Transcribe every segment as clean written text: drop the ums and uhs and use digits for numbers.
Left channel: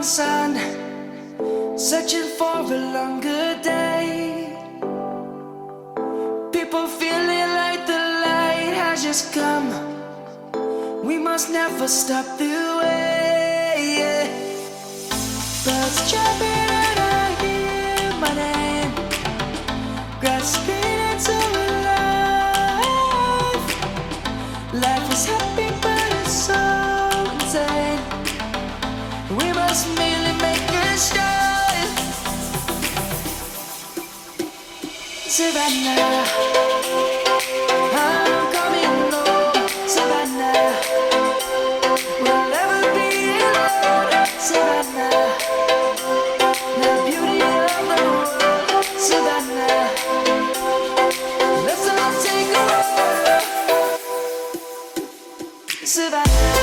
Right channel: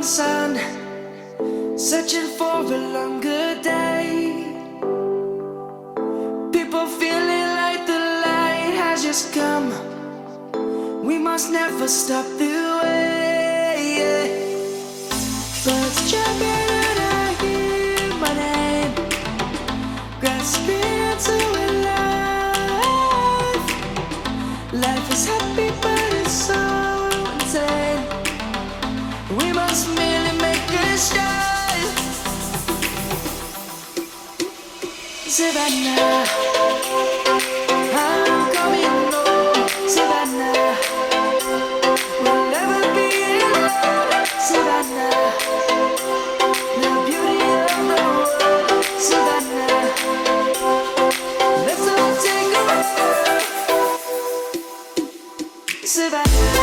morning sun, searching for a longer day. People feeling like the light has just come. We must never stop the way. Birds chirping and I hear my name, grasping into a life. Life is happy but it's so insane. We must merely make a start. Savannah, I'm coming home. Savannah, we'll never be alone. Savannah, the beauty of the world. Savannah, let's all take a walk. Savannah.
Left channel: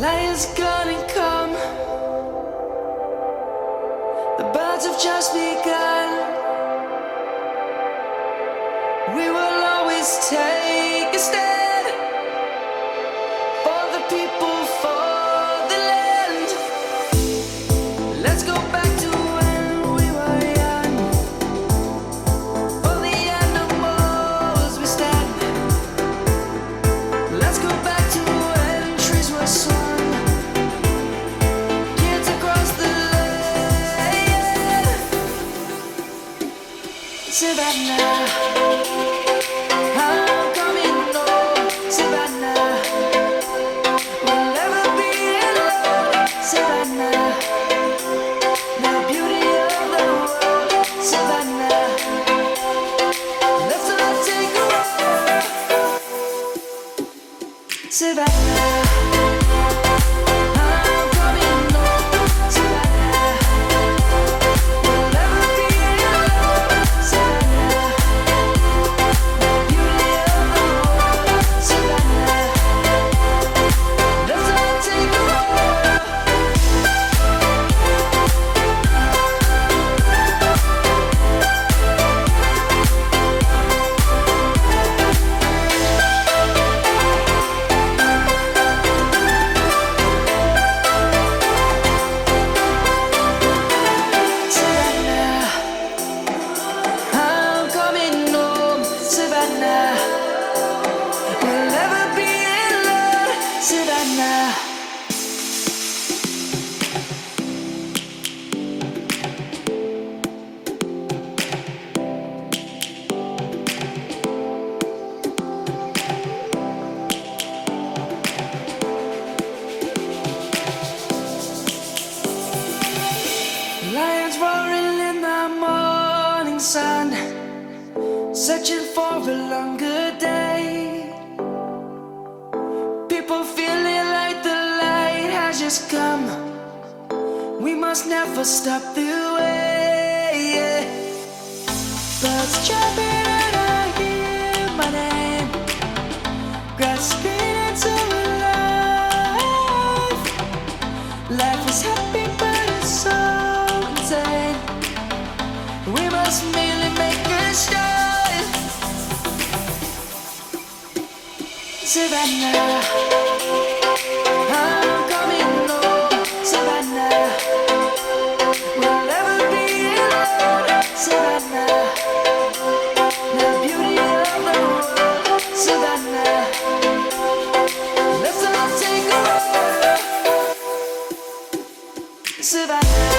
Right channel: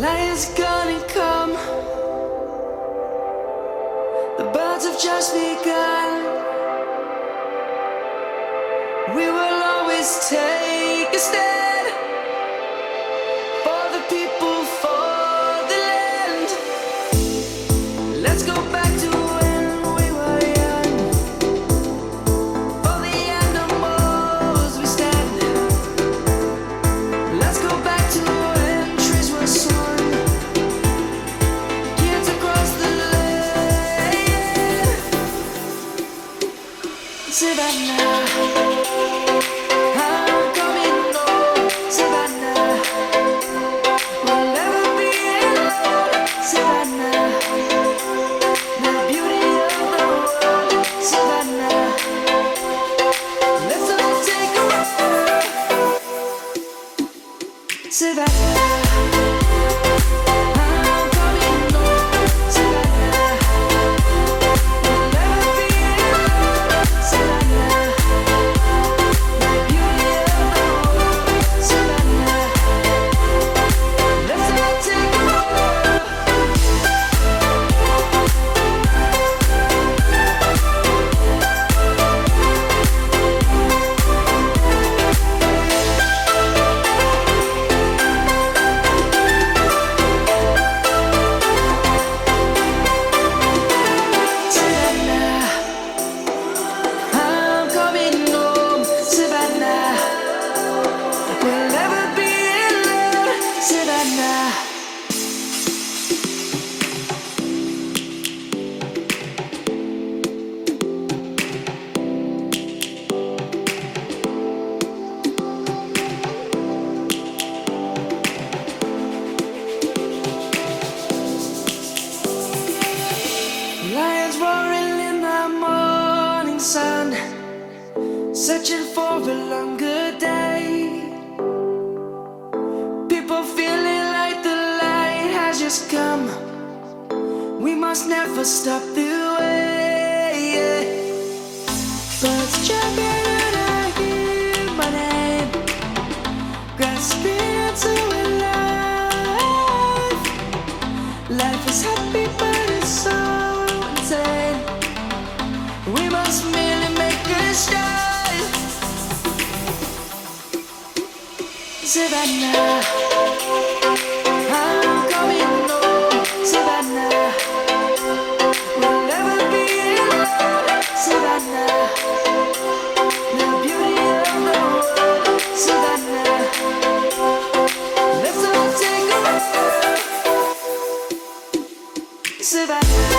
Lion's gonna come. The birds have just begun. We will always take a stand for the people, for the land. Let's go back to when we were young. For the animals we stand. Let's go back to when trees were swung. Savannah, I'm coming home. Savannah, we'll never be alone. Savannah, the beauty of the world. Savannah, let's all take a walk. Savannah, I'm coming home. Savannah, we'll never be alone. Savannah, the beauty of the world. Savannah, let's all take a walk. Savannah, I'm coming home. Savannah, we'll never be alone. Savannah. Lions roaring in the morning sun, searching for a longer day. People feeling like the light has just come. We must never stop the way. Birds chirping and I hear my name, grasping into a life. Life is happy but it's so insane. We must merely make a start. Savannah, I'm coming home. Savannah, we'll never be alone. Savannah, the beauty of the world. Savannah, let's all take a walk. Savannah.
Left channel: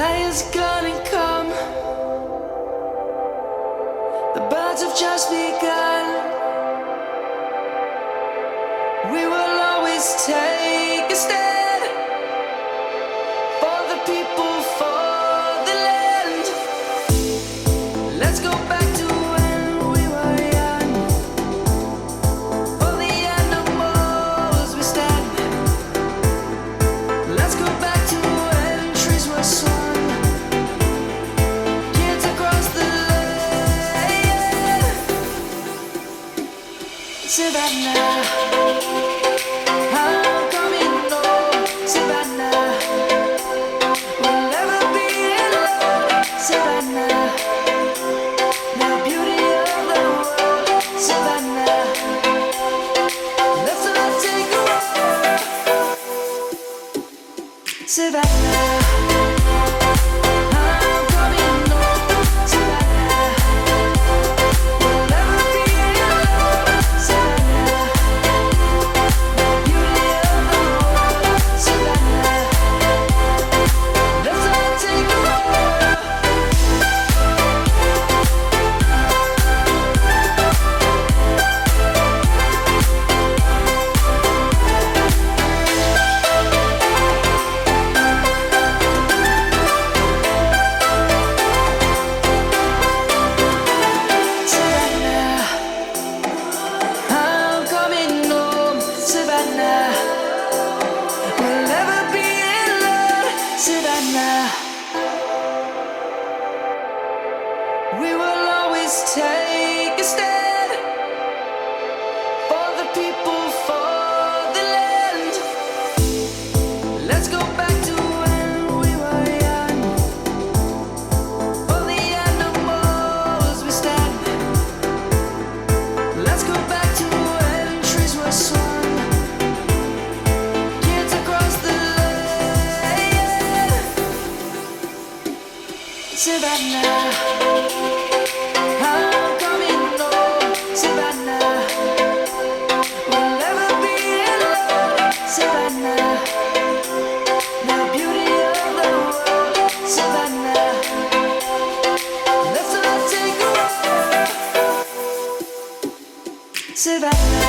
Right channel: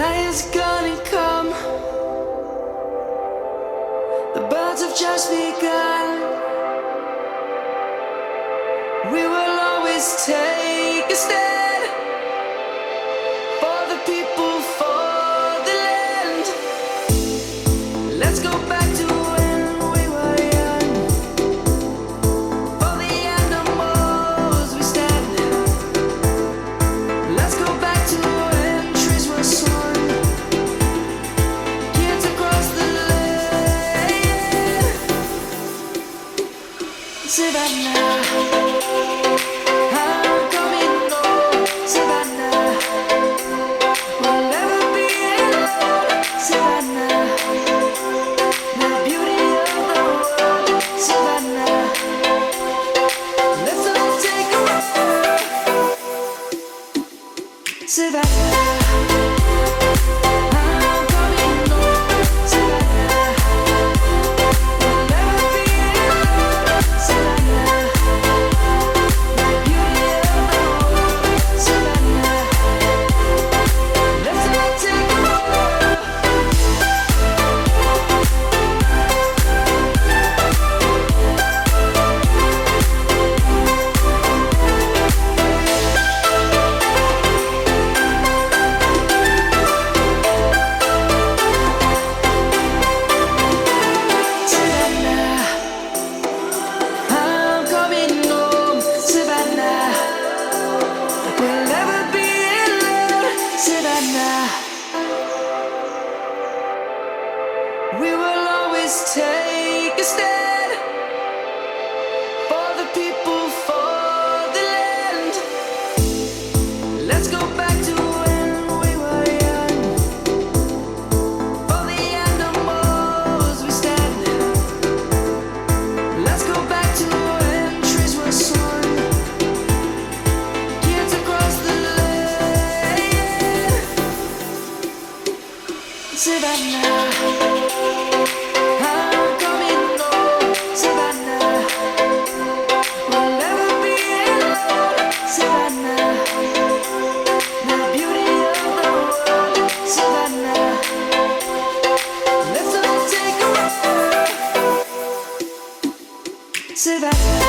Lion's gonna come. The birds have just begun. We will always take a stand for the people, for the land. Let's go back to when we were young. Savannah, I'm coming home, Savannah. We'll never be alone, Savannah. The beauty of the world, Savannah. Let's all take a walk, Savannah. I'm coming home, Savannah. We'll never be alone, Savannah. The beauty of the world, Savannah. Let's all take a walk. Savannah, I'm coming home, Savannah. We'll never be alone, Savannah. We will always take a stand for the people, for the land. Let's go back to when we were young. For the animals we stand. Let's go back to when trees were swung. Kids across the land. Savannah, I'm coming home, Savannah. We'll never be alone, Savannah. The beauty of the world, Savannah. Let's all take a walk, Savannah.